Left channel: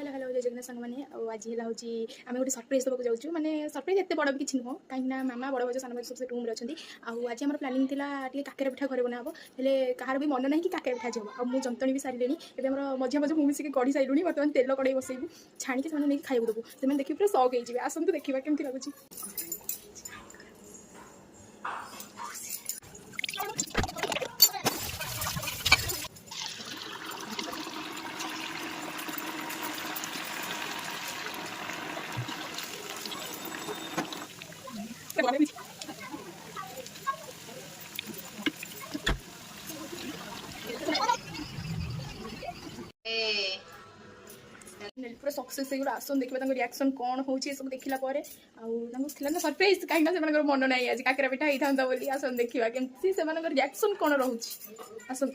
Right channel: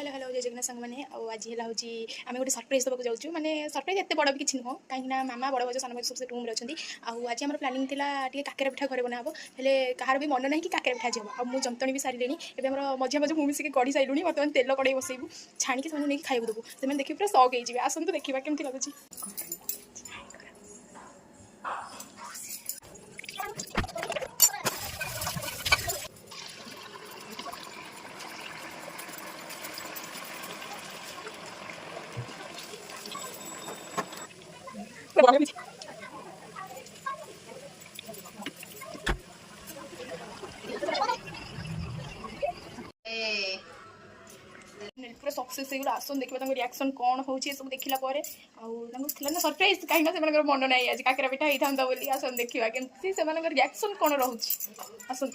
Hello hello जय जगन्नाथ सांग मैंने आज है आम गोटे सरप्राइज देवाक जाऊँ माने सरप्राइज एत बड़ भी किसी नुह कहीं मामा बड़ भाज सान भाज सब रूम अच्छी आज आम प्लानिंग थी काकेरा पिठा घरे बनाब हेले कहार भी मन ना कि काकेरा पिठा जी हम आ जंतणी भी सारे एवं मझा मझे मुझे गढ़ी सारूँ बर्तमान तेल कड़े बसैबू छाणी नहीं खाइबू देबू से देखिए पूरा सक हो आसतु देखा केमती लगुच। पूरा सक्सेस हो आसन देखिए रिएक्शन कौन हो सब देखला ना सरप्राइज कहीं मन ना आज काकेरा पिठा होता बोली आसन देखा केमती से रिएक्शन कौन रोचे आसन।